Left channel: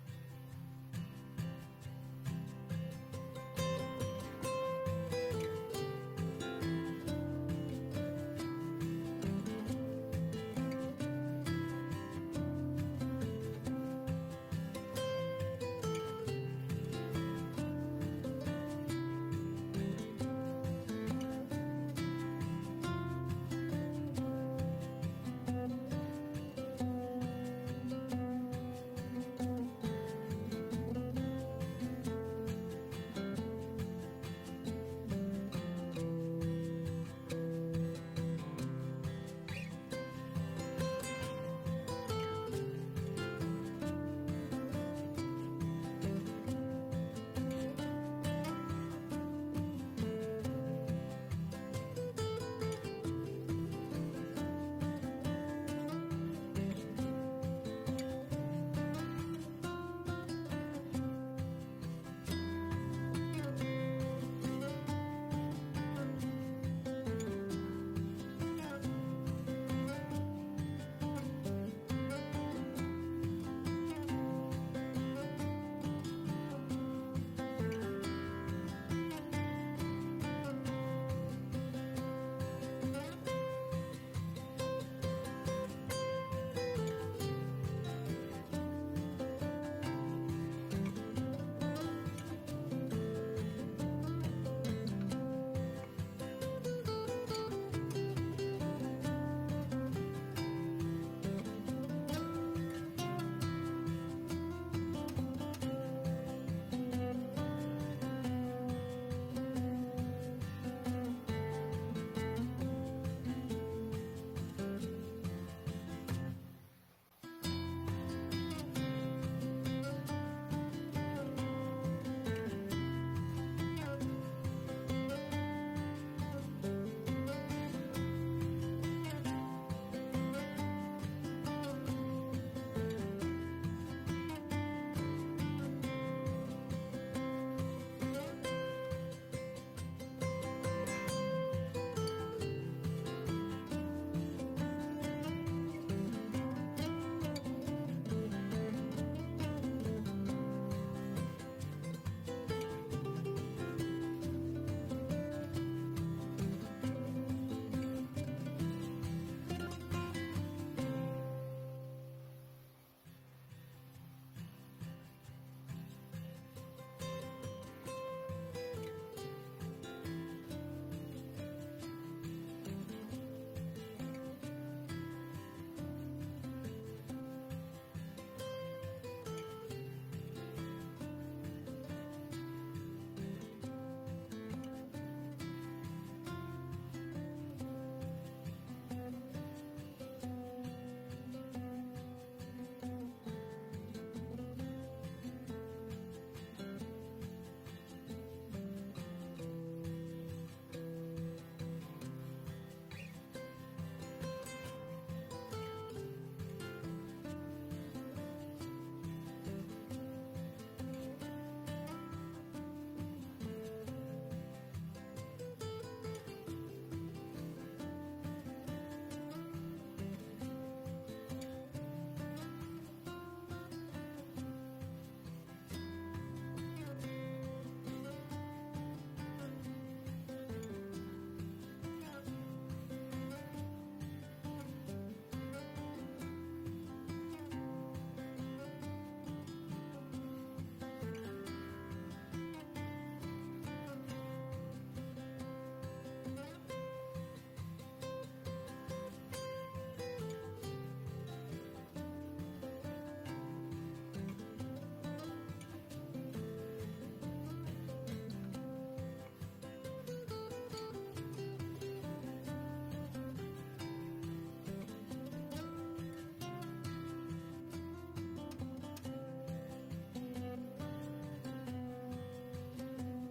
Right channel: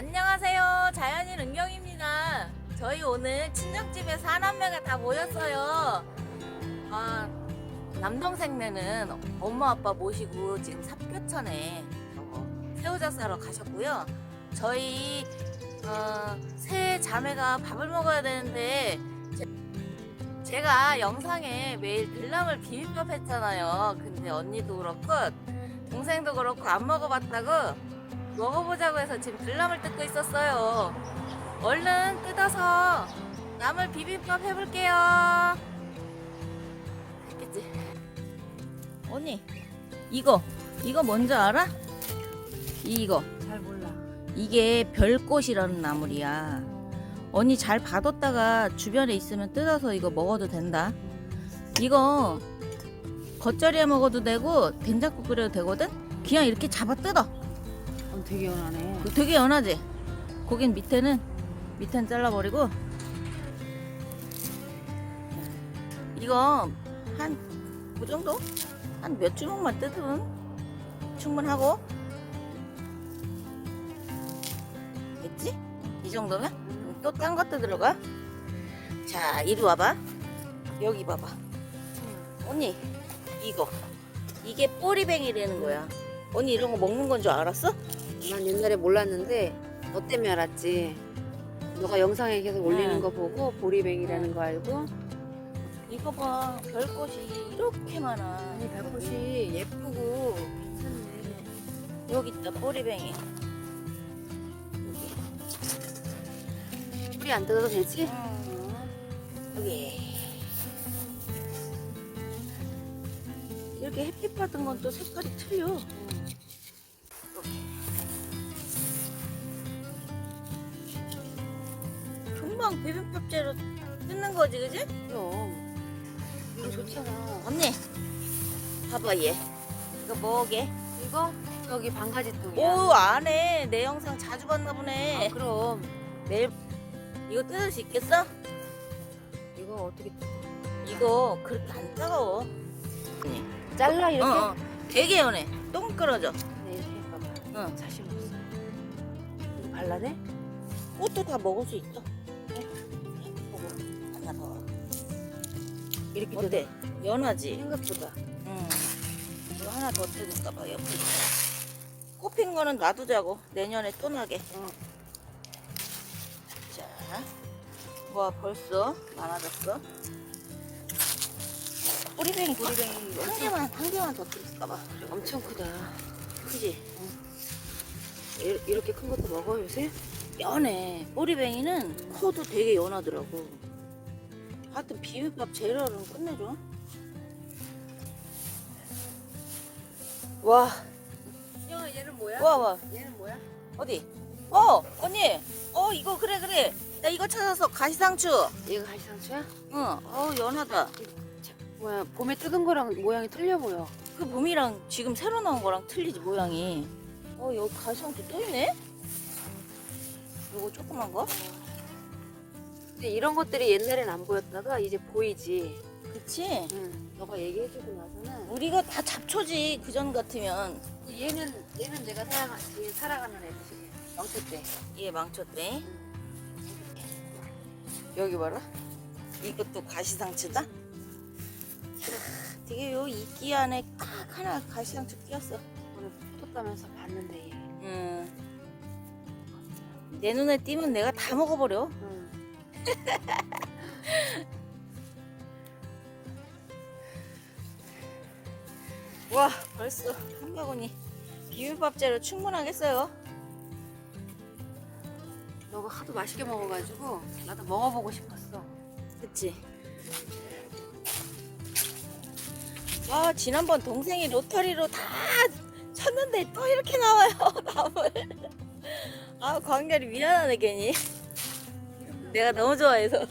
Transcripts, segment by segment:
안녕하세요. 자연인 은경입니다. 저희 오늘 친정집에 사람 명가 다 모였어요. 아, 남동생네는 엄마 아빠 모시고 지금 삽교천에 어, 새우젓 사러 가셨고요. 저희 어, 세 자매가 밥을 먹어야 되는데 제- 제가 영상에 매일 들나물 비빔밥 했잖아요. 근데 언니도 그렇고 동생도 그렇고 안 먹어봤다고 먹어보자고 해서 지금 들나물 뜯고 있었어요. 얼른 뜯어서 나물 비빔밥 해볼게요. 알겠지? 언니, 이거, 이거 뭔지 알아? 이거. 잘 몰라. 이게 별꽃이라는 나물이야. 언니 잘 봐뒀다가 주변에 있으면 뜯어서 이거 먹어도 된다. 이거 겉절이에 먹어도 되고 된장국 끓여도 되거든? 그냥 이렇게 잡아 뜯어. 어, 되게 연하네. 되게 연하지? 거긴 밑에는 밑에는 잘라버리고 이거 한그 정도? 한 몇 주먹만 뜯으면 충분하고 됐지? 이 정도면 또 딴 것도 들어가 자 이리 와봐 여기 봐봐 언니 이거 이게 꼬리뱅이라는 거야 언니 이런 거 먹는 건 줄 알았어? 난 옛날에 몰랐는데 너 때문에 알았지. 너가 영상에 계속 올리는 응. 거 보고 보리뱅이라는 거 알고? 이거 봐. 별꽃이 이렇게 많아. 별꽃이 예쁘고. 여기 있다 꼬리뱅이. 뿌리 안 뜯어도 되지? 여기 이렇게 햇빛 받은 건 또 색깔이 틀려 봐봐 얘 이거 뭐게? 이거 저기 반가지 쪽이야. 오 안해 내 영상 자주 봤나 보네 아, 그럼 내일 이거 뜯을 수 있겠어? 이거 어떻게 이거 그렇게 안 따가워 잘라 이렇게? 어, 어. 되게 연해 똥 끌어져 네, 이렇게. 응. 자신 없어. 발라내? 꽃도 다 먹을 수 있어 하나 더 이렇게 어때? 연하지? 생각보다. 응 하나 더 뜯을까 봐 옆에 꽃핀 거는 놔두자고 내년에 또 나게 어. 자, 와 벌써 많아졌어 뿌리뱅이 뿌리뱅이 한 개만 한 개만 더 뜯을까 봐 엄청 크다. 그지? 이- 이렇게 큰 것도 먹어 요새? 연해. 꼬리뱅이는 코도 되게 연하더라고. 하여튼 비빔밥 재료는 끝내줘. 와, 야 얘는 뭐야? 와, 와. 얘는 뭐야? 어디? 어, 언니. 어, 이거 그래, 그래. 나 이거 찾아서 가시상추. 얘가 갈상추야? 응, 어, 연하다. 뭐야 봄에 뜯은 거랑 모양이 틀려 보여. 그 봄이랑 지금 새로 나온 거랑 틀리지, 모양이. 어, 여기 가시상추 또 있네? 요거 조그만 거? 근데 이런 것들이 옛날엔 안 보였다가 이제 보이지. 그치? 응. 너가 얘기해주고 나서는 우리가 다 잡초지, 그전 같으면. 얘는 얘는 내가 살아가 얘 살아가는 애지. 망초 때. 얘 망쳤대. 여기 봐라. 이것도 가시상추다. 되게 요 이끼 안에 딱 하나 가시상추 끼었어. 응. 텄다면서 봤는데 얘. 음. 내 눈에 띄면 내가 다 먹어버려. 응. 와 벌써 한 바구니 비빔밥 재료 충분하겠어요. 너가 하도 맛있게 먹어가지고 나도 먹어보고 싶었어. 그치? 아 지난번 동생이 로터리로 다 쳤는데 또 이렇게 나와요 나물 아 광렬이 미안하네 괜히 내가 너무 좋아해서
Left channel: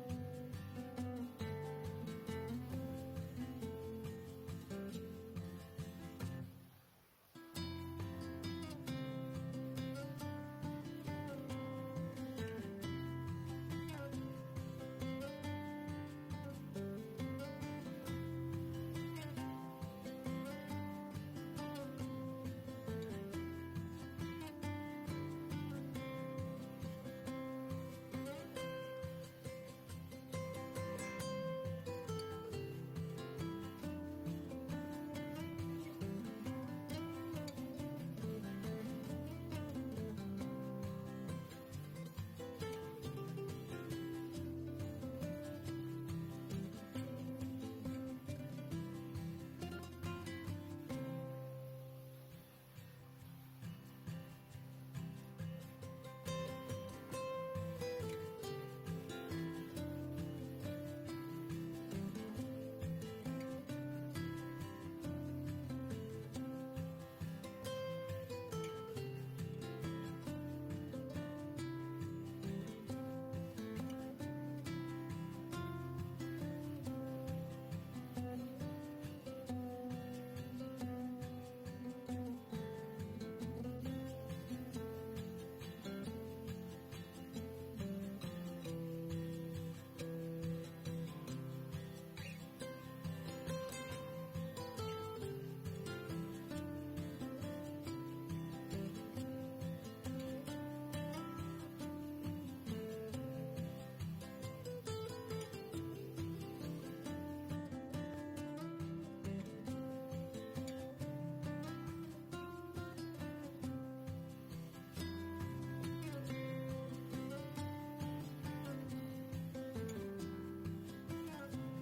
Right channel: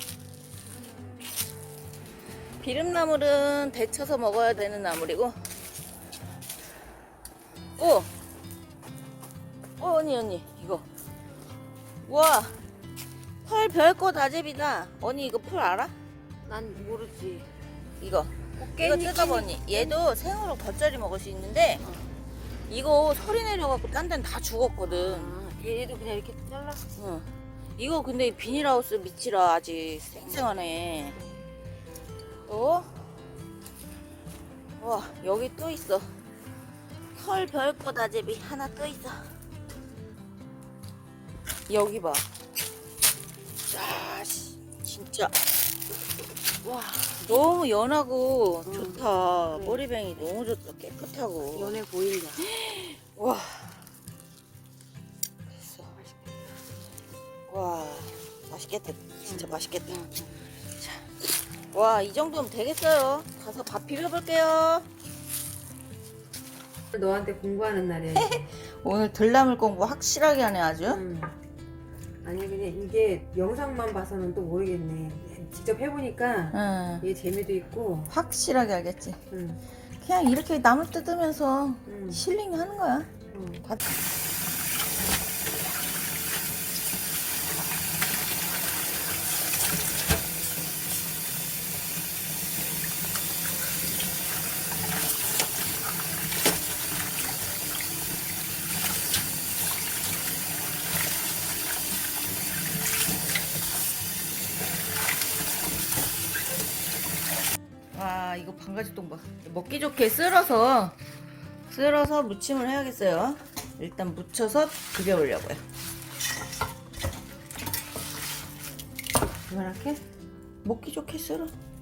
비름나물은 데쳐서 먹어야 되는 나물이고 오! 어 언니 언니 이거 우와 펄 별거 다제비다 언니 이거 풀 알아? 난 모르지. 이거 이거 뜯어보니 얘도 생으로 겉절이 먹을 수 있는데 이거 소리 내려갖고 딴 데는 다 죽었거든 아, 얘도 그냥 이렇게 잘라. 어. 이거 근데 비닐하우스 밑이라 아직 생생하네. 또, 와 여기 또 있어. 털 별꽃 아제비 하나 또 있어. 여기 봐. 야, 씨, 진짜. 와, 너무 연하고 좋다. 머리뱅이 너무 좋다. 깨끗하고. 연해 보인다. 와. 와, 맛있겠다. 진짜 맛있겠다. 자, 와, 이 정도면 되겠어요. 가서 밥 비벼볼게요. 너한테 공부하는 날이야. 오늘 들나물 공부 확실하게 하네, 아주. 음. 아니 그냥 이게 영상만 봐서는 또 모르겠네. 직접 해보니까 응. 이게 재미도 있고. 확실하게 알겠지. 음. 그냥 이렇게 나물 뜯으면서 음. 힐링 하는 거야. 음. 밥- 똥밥 먹기 좋게 쓸어서 쓸어서 무침을 해야겠어요. 일단 무쳐서 비벼보려고요. 이렇게? 먹기 좋게 쓸어 어.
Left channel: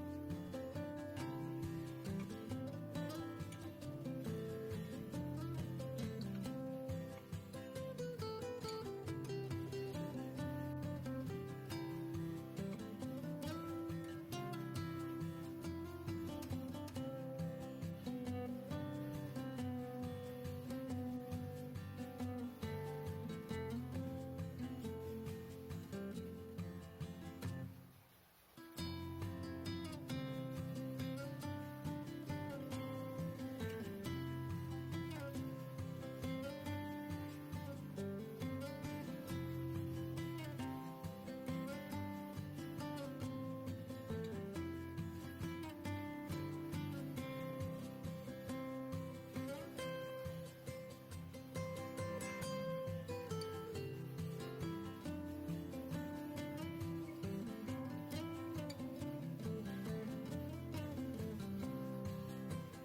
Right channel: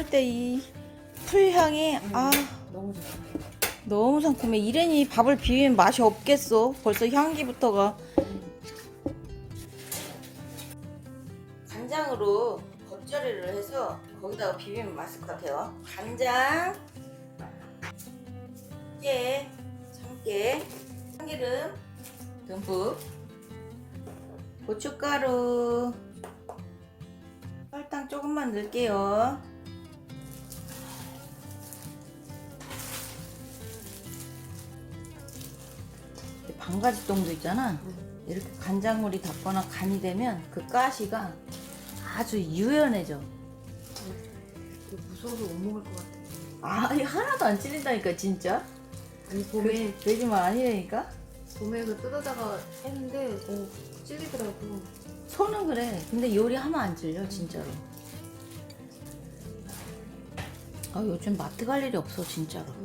썰 때 이 풀향이 아 너무 상큼해. 이래니 밥을 비비면 맛이 없겠어. 벌써 향기부터가. 간장으로 겉절이를 해서 거기다가 비비면 맛있을 것 같아요. 간장, 깨, 참깨, 참기름 듬뿍, 고춧가루, 설탕 조금만 넣을게요. 반가지 똥도 있잖아. 이렇게 간장물이 닿거나 간이 되면 그 가시가 아주 유연해져. 무서워서 못 먹을 것 같아. 아니 하나도 안 찔린다니까 진짜. 아니 봄에 돼지만 아니라니까. 봄에 그 뜯어다가 했는데 어, 찔리더라고. 손은 그래. 근데 요리하면 안 찔려 진짜로. 아 요즘 마트 갈 일이 없어 진짜로.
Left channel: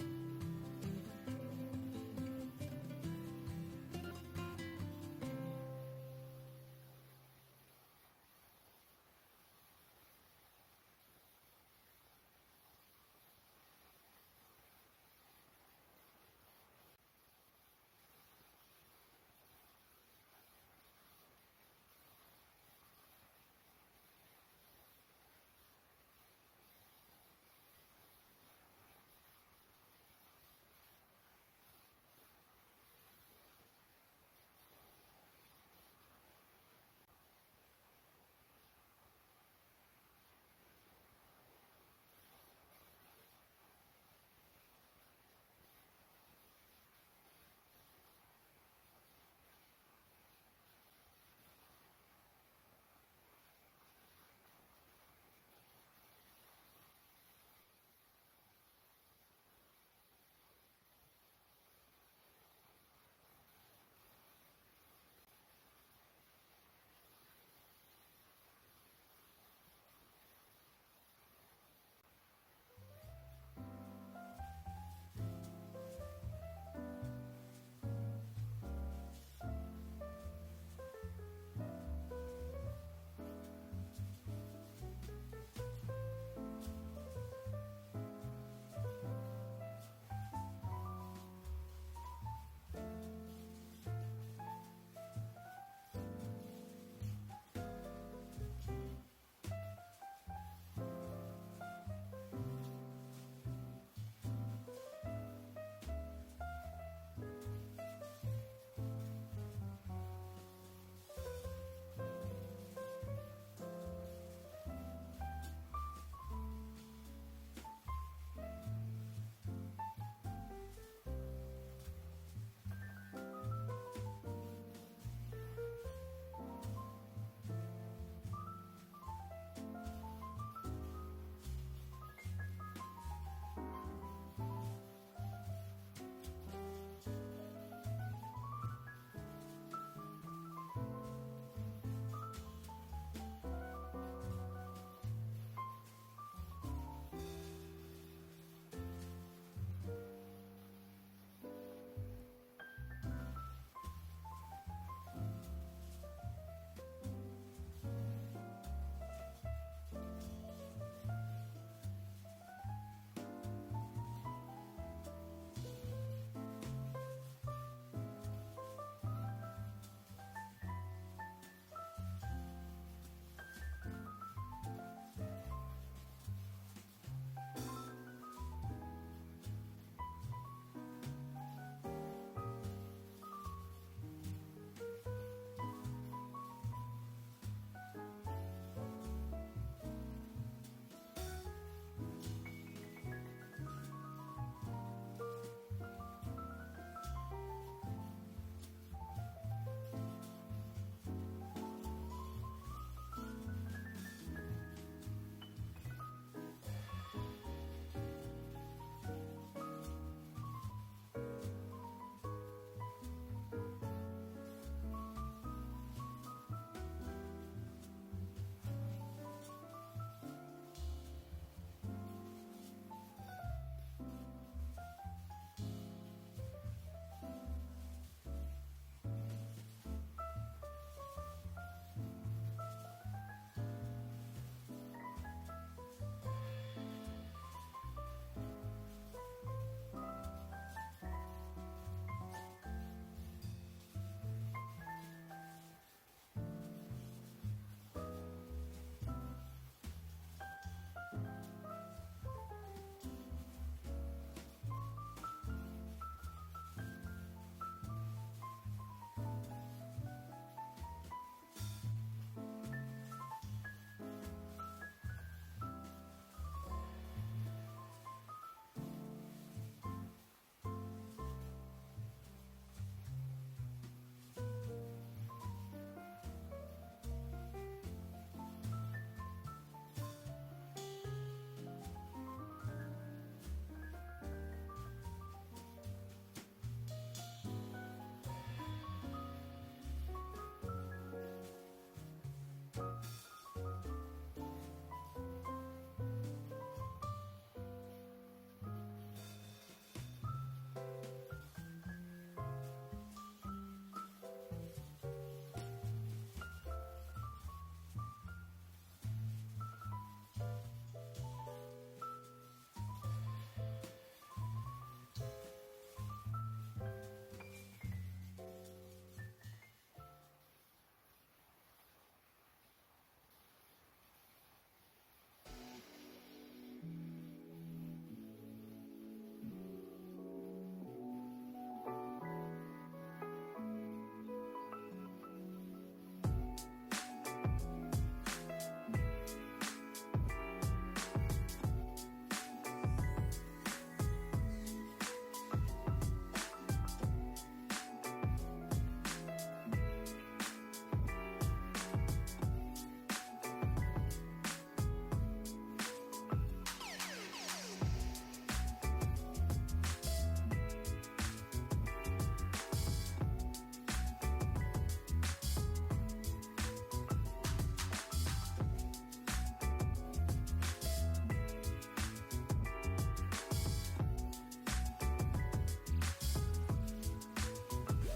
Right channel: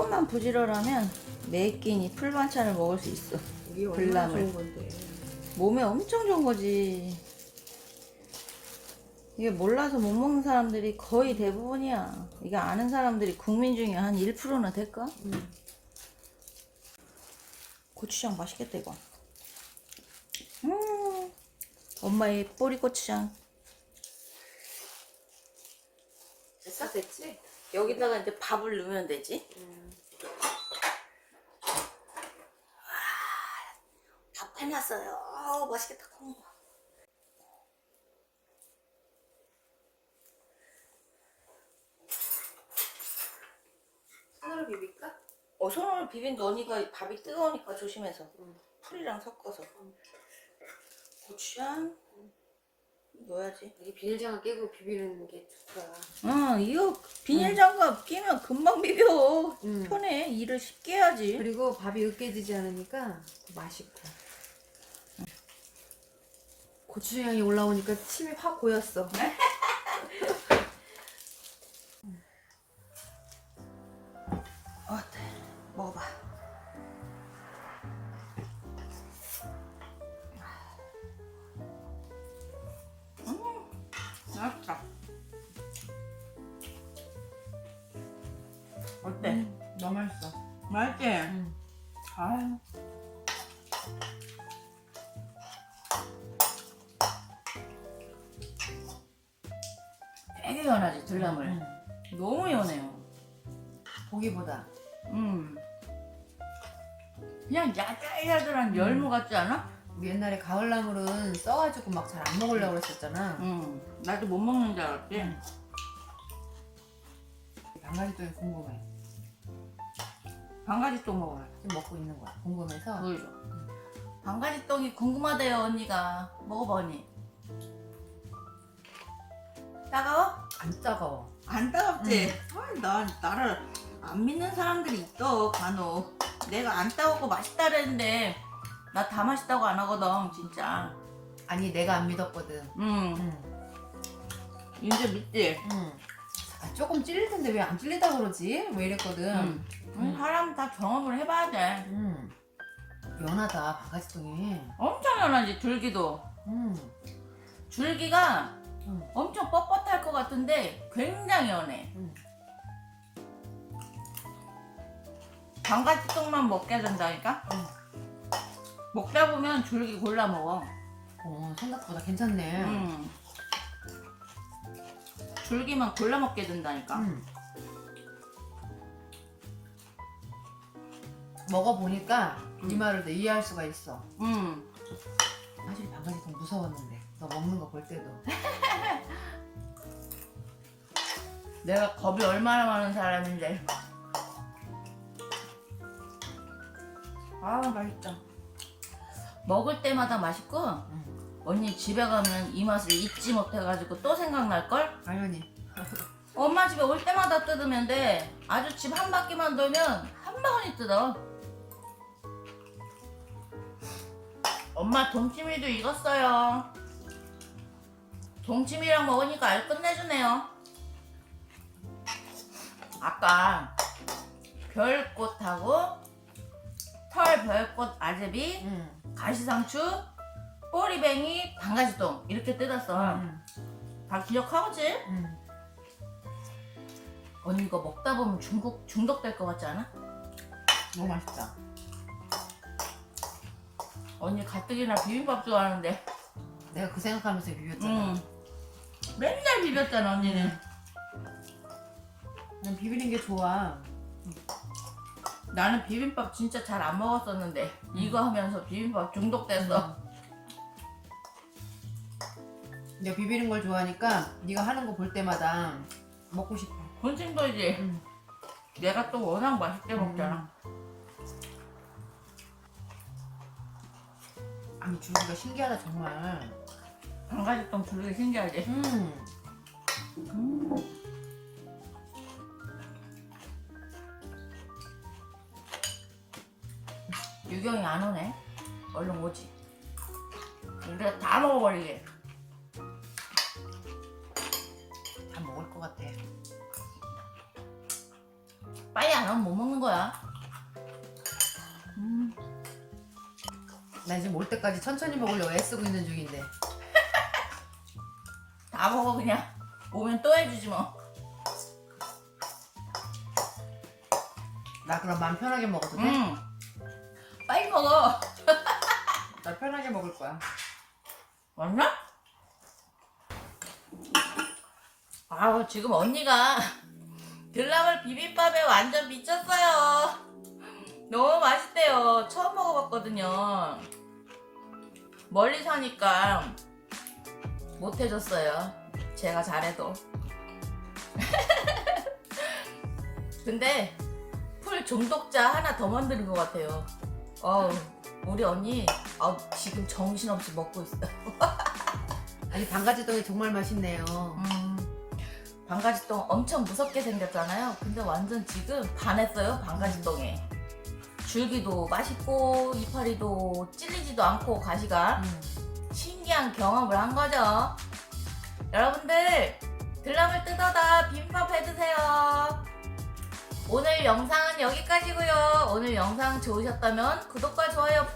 조금만 부지런하면 매 끼니 풀 반찬을 먹을 수 있어. 이게 얼마나 불나물. 좋은 건데. 몸에 엄청 좋은 거지. 이게 몰라서 못 먹는 사람들이 거의 대부분이야. 이게 아는 사람들이 국민 중에 한 1%나 될까? 음. 고추장 맛있겠다 이거. 음, 엄마의 뿌리 고추장. 됐어 됐지? 여기다가 이제 밥을 넣으면 되지. 음. 해놨어요. 아우 맛있겠다. 콩. 손으로 비빌까? 어, 손을 비빈 너니가 밥이 뜨거우니까 조심해서. 풀이랑 섞어서. 고추장 넣어야지. 이게 비닐장갑 끼고 비비는 게 좋더라. 어, 이거 비닐장갑 끼면 금방 비벼. 음. 편해. 일을 쉽게 해야지. 그리고 밥이 으깨지지 않으니까 맛있고. 고추장이 올라오니까 침이 확 고였어. 어때? 먹어봐. 음, 맛있다. 어때? 너무 맛있어. 맛있지? 음. 아. 되 게 연하지 들나물. 음. 너무 연해요. 고기보다. 음. 그냥 야들야들한 열무 같지 않아? 우리 옛날에 가을나물은 써가지고 막 잘 안 먹으려고 그랬었잖아. 응. 나도 못 먹는 줄 알았지. 방가지똥이 궁금해. 방가지 똥 먹어요. 지금 먹고 있는 거야. 궁금해서. 물. 방가지 똥이 궁금하대요 언니가. 먹어봐 언니. 따가워? 안 따가워. 안 따갑지? 아, 나, 나를 안 믿는 사람들이 있어 간혹 내가 안 따갑고 맛있다 그랬는데 나 다 맛있다고 안 하거든 진짜 아니 내가 안 믿었거든. 음 응. 이제 믿지? 응. 아, 조금 찔릴 텐데 왜 안 찔리다 그러지? 왜 이랬거든. 음. 음, 사람 다 경험을 해봐야 돼 응. 연하다 방가지똥이. 엄청 연하지 줄기도 응. 줄기가 응. 엄청 뻣뻣할 것 같은데 굉장히 연해 응. 방가지 똥만 먹게 된다니까? 먹다 보면 줄기 골라 먹어 어 생각보다 괜찮네. 음. 줄기만 골라 먹게 된다니까. 응. 먹어보니까 이 말을 내 이해할 수가 있어. 음. 사실 방가지똥 무서웠는데 너 먹는 거 볼 때도. 내가 겁이 얼마나 많은 사람인데. 아 맛있다. 먹을 때마다 맛있고 언니 집에 가면 이 맛을 잊지 못해가지고 또 생각날 걸. 당연히. 엄마 집에 올 때마다 뜯으면 돼. 아주 집 한 바퀴만 돌면 한 방울이 뜯어. 엄마 동치미도 익었어요. 동치미랑 먹으니까 알 끝내주네요. 아까 별꽃하고 털 별꽃 아제비, 응. 가시상추, 꼬리뱅이, 방가지똥 이렇게 뜯었어. 응. 다 기억하고지? 응. 언니 이거 먹다 보면 중국 중독될 것 같지 않아? 너무 맛있다. 언니 가뜩이나 비빔밥 좋아하는데. 내가 그 생각하면서 비볐잖아. 응. 맨날 비볐잖아 언니는. 난 비비는 게 좋아. 나는 비빔밥 진짜 잘 안 먹었었는데 이거 하면서 비빔밥 중독됐어. 내가 비비는 걸 좋아하니까 네가 하는 거 볼 때마다 먹고 싶어. 본심도이지. 응. 내가 또 워낙 맛있게 먹잖아. 아니 줄기가 신기하다 정말. 방가지똥 두르기 신기하지. 음. 유경이 안 오네. 얼른 오지. 우리가 다 먹어버리게. 다 먹을 것 같아. 빨리 안 오면 못 먹는 거야. 음. 나 지금 올 때까지 천천히 먹으려고 애쓰고 있는 중인데. 다 먹어 그냥. 오면 또 해주지 뭐. 나 그럼 마음 편하게 먹어도 돼? 응. 빨리 먹어. 나 편하게 먹을 거야. 맞나? 아우 지금 언니가 들라물 비빔밥에 완전 미쳤어요. 너무 맛있대요. 처음 먹어봤거든요. 멀리 사니까 못 해줬어요. 제가 잘해도. 근데 풀 중독자 하나 더 만드는 것 같아요. 어우, 우리 언니 아, 지금 정신없이 먹고 있어요. 아니 방가지똥이 정말 맛있네요. 음, 방가지똥 엄청 무섭게 생겼잖아요. 근데 완전 지금 반했어요, 방가지똥에. 줄기도 맛있고, 이파리도 찔리지도 않고, 가시가. 음. 신기한 경험을 한 거죠. 여러분들, 들라물 뜯어다 비빔밥 해주세요. 오늘 영상은 여기까지고요. 오늘 영상 좋으셨다면 구독과 좋아요